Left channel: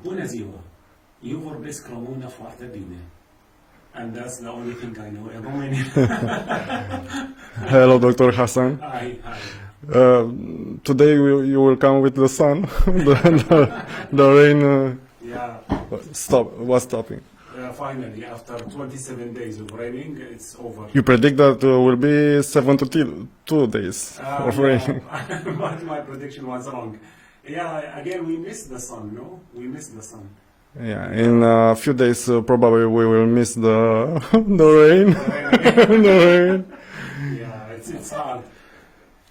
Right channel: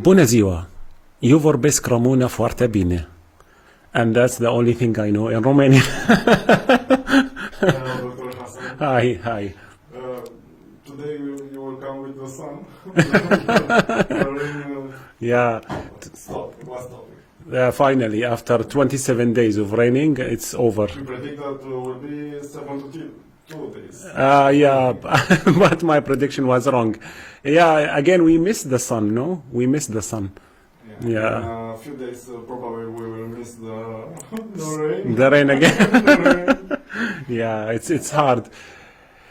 Bună ziua! Eu vorbesc română foarte bine. And that's the only thing I know in Romanian. Hello, Dr. Hassan. Hi. Today you will come with the sun. The rain Yeah, was stopping. finally, after 27 days of raining, it's over. You predict that will be 72 days. of Yeah, rain. but my prediction was wrong. Yeah, again, we missed the sun, no? We missed the sun. Yeah. Yeah. In a few days, probably we will miss the the rain. The rain again. The rain. Yeah, it's hard.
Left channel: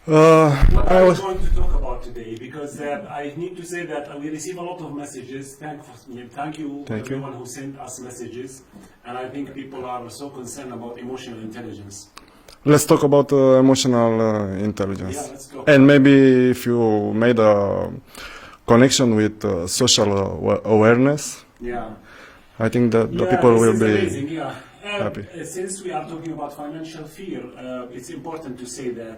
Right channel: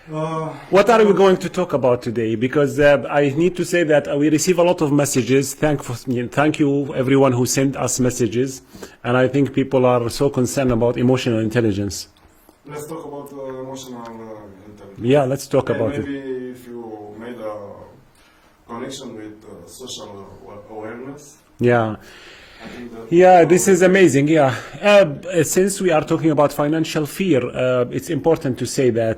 Uh, What I are we was- going to talk about today? Because I need to say that we receive a lot of messages. Thank you everyone who sent us messages, and I think people are so concerned about emotional intelligence. Let's talk about emotional intelligence. Yeah, let's talk And about it. maybe if you made a connection with social awareness, Yeah, I think that the yeah, people this will is be amazing. Yeah, happy. since we are talking about financial fear, it's important to say that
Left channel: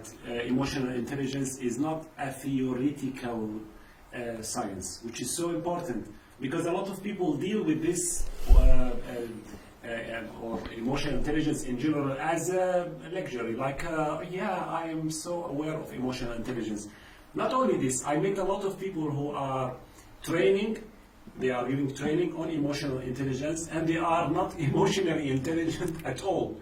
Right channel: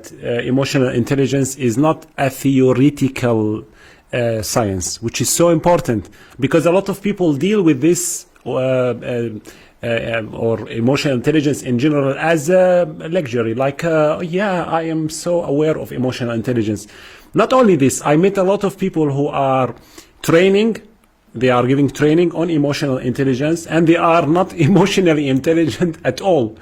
emotional intelligence is not a theoretical science, which is so important because a lot of people deal with this or emotional intelligence in general as a luxury. Like, yeah, I am so aware of emotional intelligence. Not only this, I met a lot of people who are training. They are giving training on emotional intelligence, and they are not emotionally intelligent at all.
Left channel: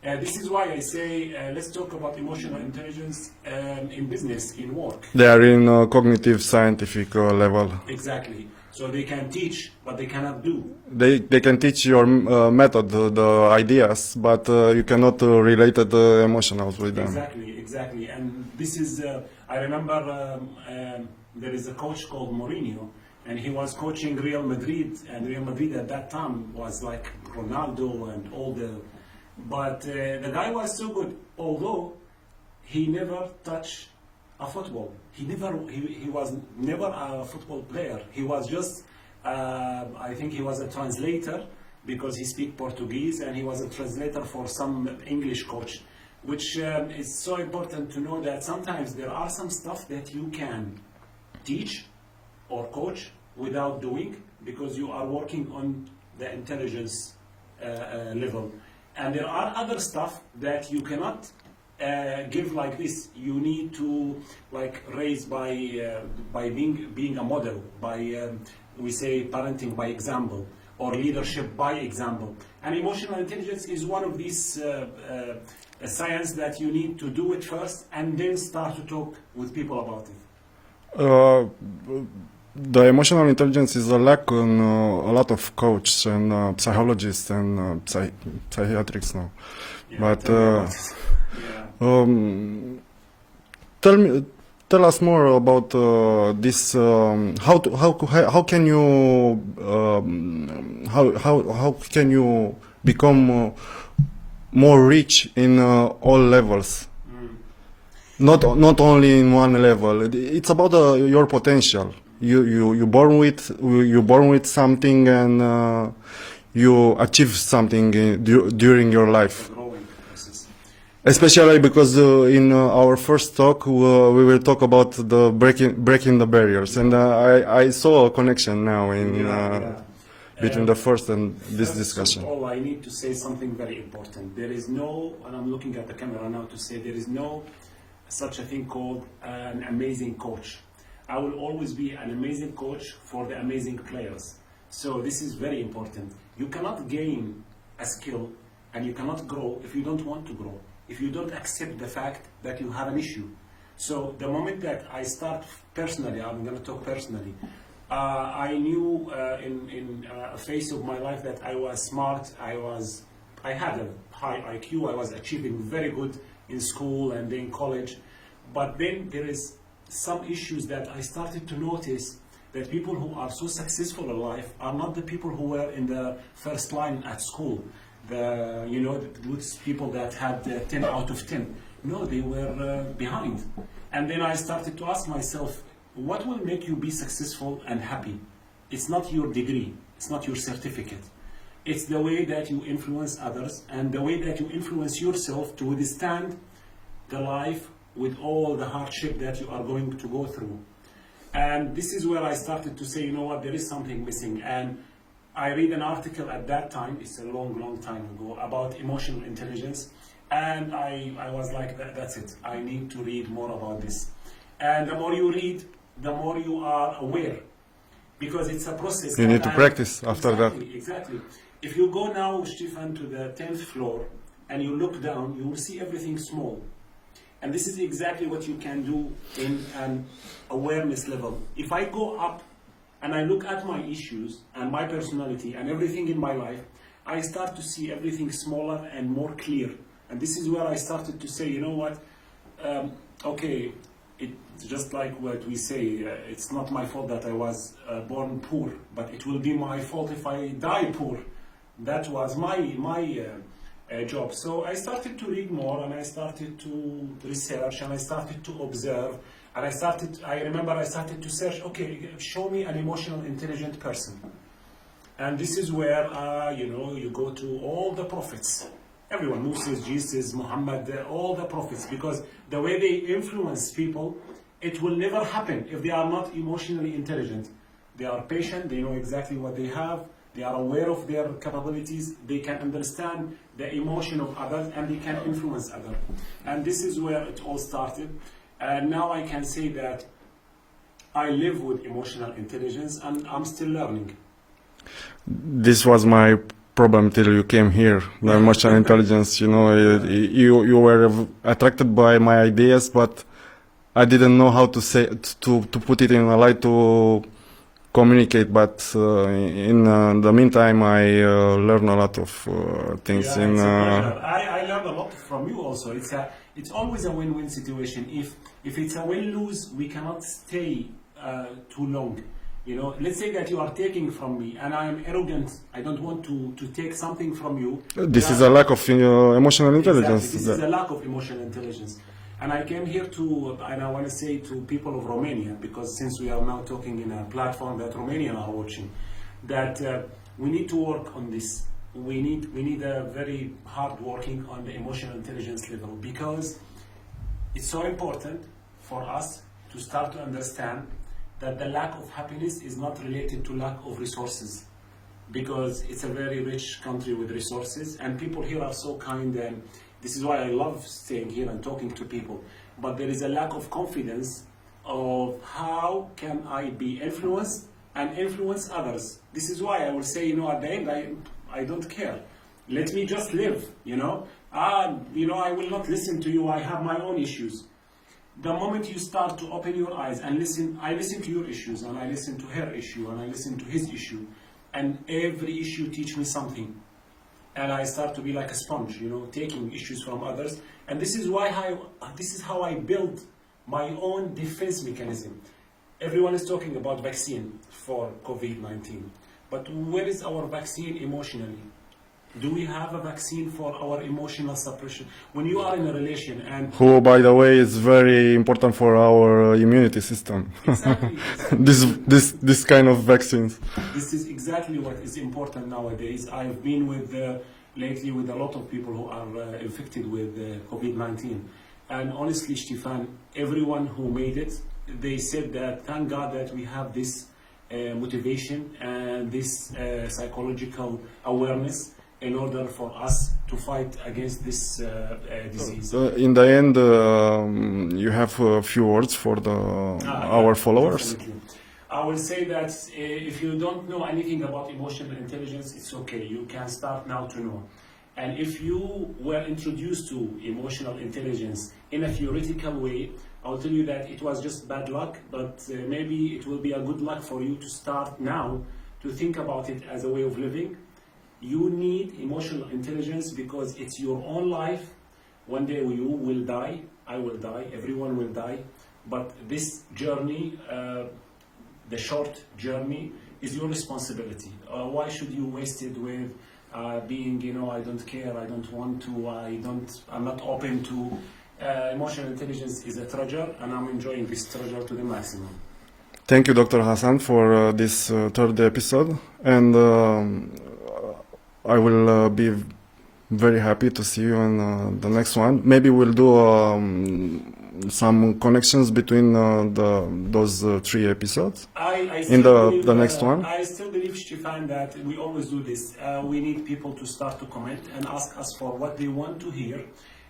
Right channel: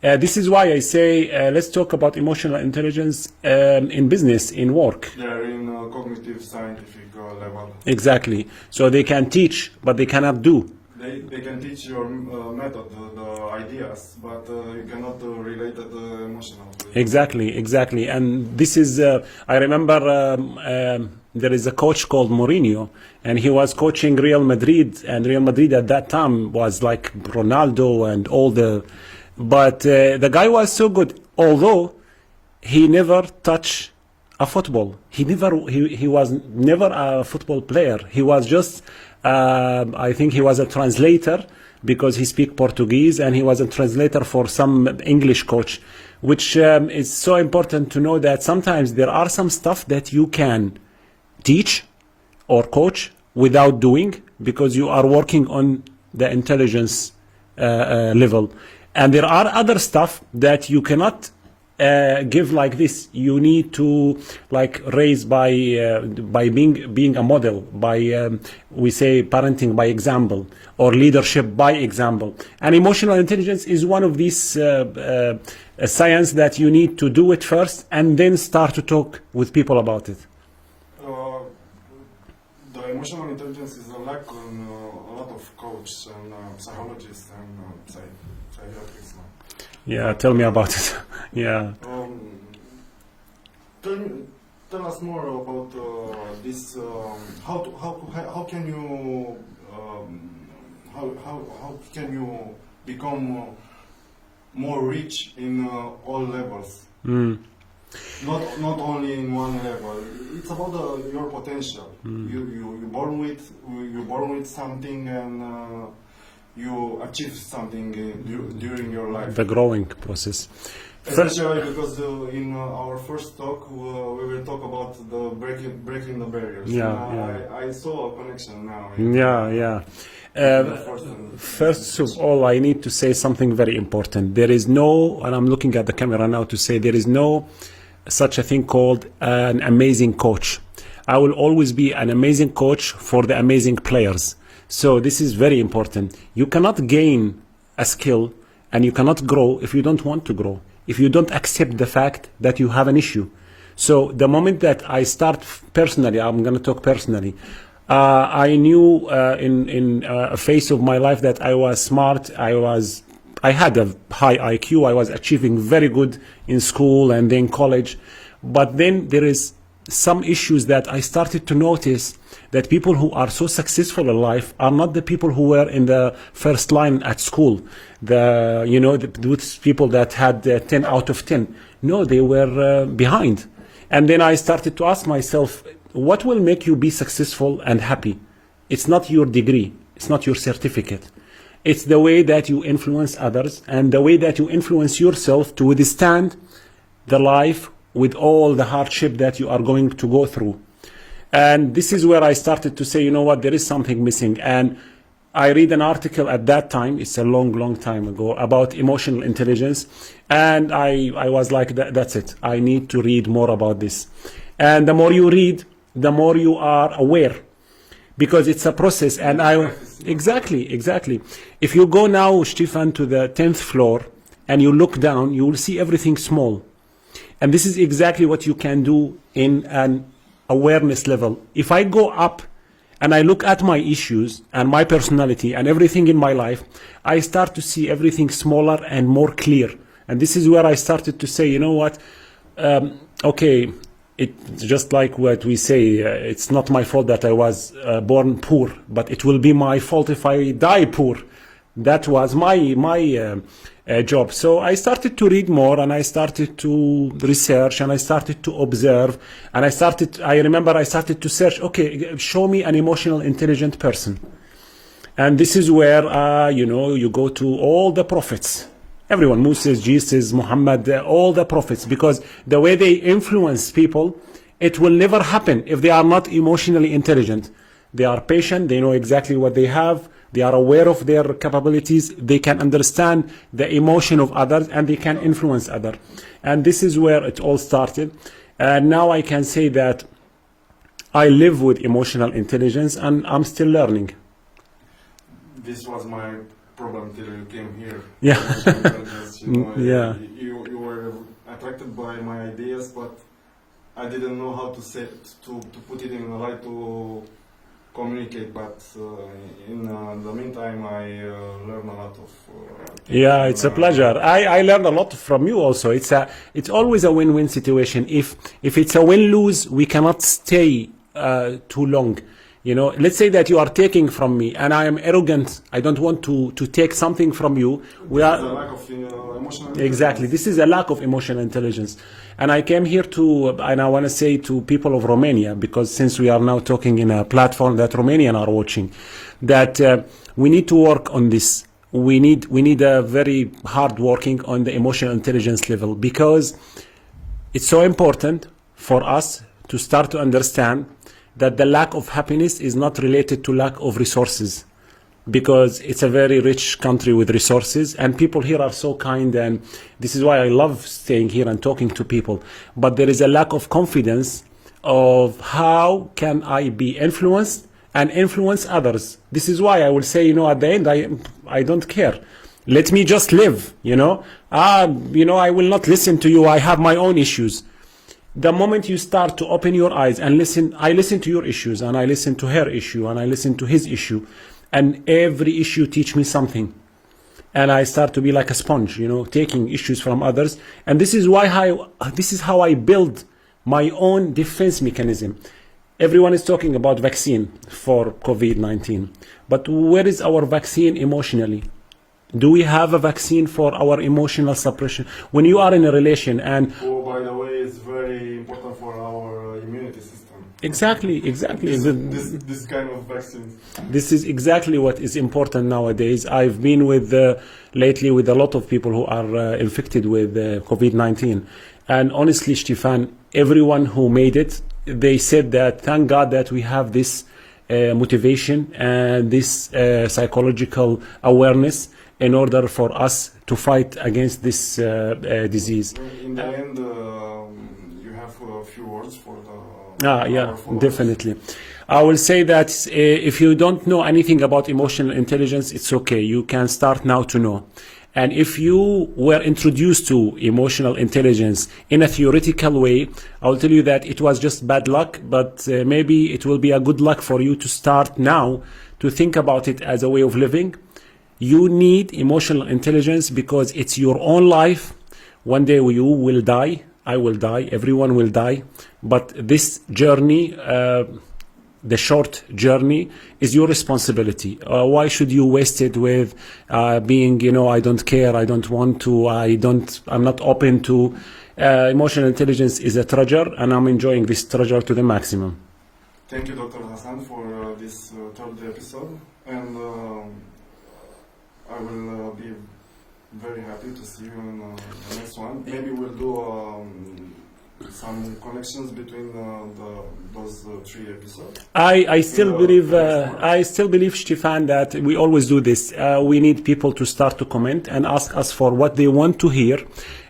This is why I say let's talk about emotional intelligence in business, in work. They are in a cognitive scientific level. Exactly. So they can teach, but they cannot do. They can teach your method, the ideas, but you cannot relate the emotionals with them. Exactly. And this is, I remember there is a coach called Mourinho, and he was coaching Real Madrid, and Real Madrid at that time was like Ronaldo and all the, but the guy was so good, although he never touched a football. He was never a football player. He was just, I think he was a translator because he speak Portuguese, and he was a translator for some English coach, which is so important to know that sometimes there are some stuff that you can teach or coach without doing because you are working on the intelligence level, and there are other stuff that you cannot give like this. You need to like raise by being a model, by we say parenting by example or leadership by example, and emotional intelligence is one of these science that you need to do it first and then start to talk with people about it. The emotional intelligence is a lack on a lot of coaches and psychologists and psychiatrists now. Yeah, But, tell me about it. Yeah. Tell us more about this. How can you become more rich in all levels? Not only in one level. It's about your potential. You born with something, and you achieve something during your life. The growing process. Especially because in our first talk we will talk about the breaking the barriers, and I saw a connection now in between the first and this First discussion. of all, I need to say something very important. There is no, and I'm looking at the camera now to say there is no such a thing called an amazing coach. I will always be an amazing coach for the amazing players. So this is very important. You cannot gain a skill and you cannot grow if you don't want to grow, if you don't accept the fact that you have an issue. So the moment that I start personally, I'm going to talk personally, I knew in a phase of my life that I was smart, I had a high IQ, I was achieving very good in school and then college, but then there is some issues that I started to notice that people who are so successful in life are not the people who were in the first line at school, those people that had 10 out of 10. No, they were behind. And then I started to ask myself, what will make you be successful and happy? It's not your degree, it's not your certificate. It's the way that you influence others and the way that you influence yourself to withstand the life with all the hardship that you are going to go through. And this is where I started to say, you know what, there is something missing. And I read an article at that time, it's a long time ago, about emotional intelligence. And I was like, that's it. I need to read more about this. And the more you read, the more you are aware, because it's a process. You need to practice. Exactly. If you go now, Stefan, to the 10th floor and you look down, you will see everything small. And this is exactly what you can do in an awareness level. If I go up and I look at my issues and my personality and everything in my life, I start to see everything smaller and more clear. And this is where I started to say, you know what, okay, it's just like what we say, it's not my fault that I was born poor, but it will be my fault if I die poor. That was my job. So I started to read more, and I started to research, and I started to observe, and I remember I started to search, okay, show me an emotional intelligent person. And this is where, you go to all the prophets. Everyone, Moses, Jesus, Muhammad, all the prophets, because the way they influence people, it will never happen if they are not emotionally intelligent. They are patient, they know exactly what they have, they are aware of their capabilities, they can understand the emotion of others, and they can influence others. And this is where it all started. And now I can say that I live with emotional intelligence, and I'm still learning. This was my problem till you came here. Yeah. Emotional intelligence, Yeah. you were attracted by my ideas, but I didn't know how to say to put it in a light to communicate. But in the meantime, I learned a lot of things. Yeah, it's a pleasure. I learned a lot from you also. It's always a win-win situation. If it's a win-lose, we cannot stay too long. Let's say that you are taking from me and I am arrogant. I don't want to take something from you. This is a lack of emotional intelligence. Exactly. This is a lack of emotional intelligence. And I came here and I want to say to people of Romania, because since we are now talking in a platform that Romanians are watching, that we need to work on this. We need a very hard working on the emotional intelligence level, because it's so important for us to start to understand that the lack of happiness is not related to lack of resources, because it's a very rich country with resources, and people here are so kind, and this is why I love staying here and talking to people. But there is a lack of confidence of how can I be influenced and influence others. This is why I will say, at the end, I don't care. Let me just live, I will not listen to you. I have my own issues. The moment you start to open your eyes and listen, I listen to your issues, and I listen to her issue, and I listen to his issue, and every issue teach me something. And I start to be like a sponge, taking issues from others. And this is how I build my own defense mechanism. Everyone is talking about vaccine for COVID-19, but where is our vaccine emotionally? Do we have a vaccine for our emotional suppression? When you are in a relation and... Who, by the way, is very important for our immunity system. Exactly. This kind of vaccines. This is exactly what is important nowadays. I've been lately with a lot of people who are infected with COVID-19. And honestly, Stefan, everyone who made it, they said that thank God that we have this motivation and this psychological awareness in order for us to fight against this disease. In the end, you have a few words for our followers. Definitely. I will say that if you don't know anything about emotional intelligence, it's okay. You can start now to know. And if you were introduced to emotional intelligence in a theoretical way, I will tell you that it was just bad luck, but maybe it will be a good luck for you to start now to think about it as a way of living. You need emotional intelligence because it's your own life. One day you will die, I will die, everyone will die. But this journey, the short journey, is your responsibility. Why should you waste it with being, I don't care, I don't want to, I'm not open to. Emotional intelligence is a treasure, and I'm enjoying this treasure to the maximum. Thank you, Dr. Hassan, for this third episode. And I will be very happy to see you in the next one. Maybe we'll do some connections between those 3 episodes? I still believe the next one? I still believe, Stefan, that we always do this. We need people to start to comment and ask us for what they want to hear.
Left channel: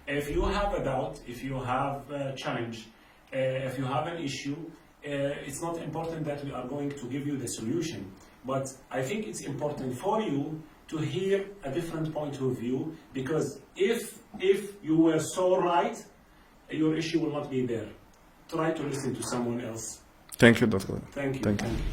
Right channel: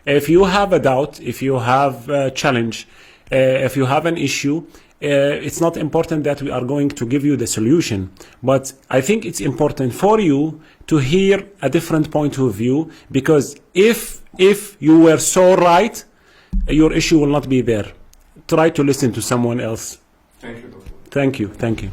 If you have a doubt, if you have a challenge, if you have an issue, it's not important that we are going to give you the solution, but I think it's important for you to hear a different point of view, because if you were so right, your issue will not be there. Try to listen to someone else. Thank you, Doctor. Thank you.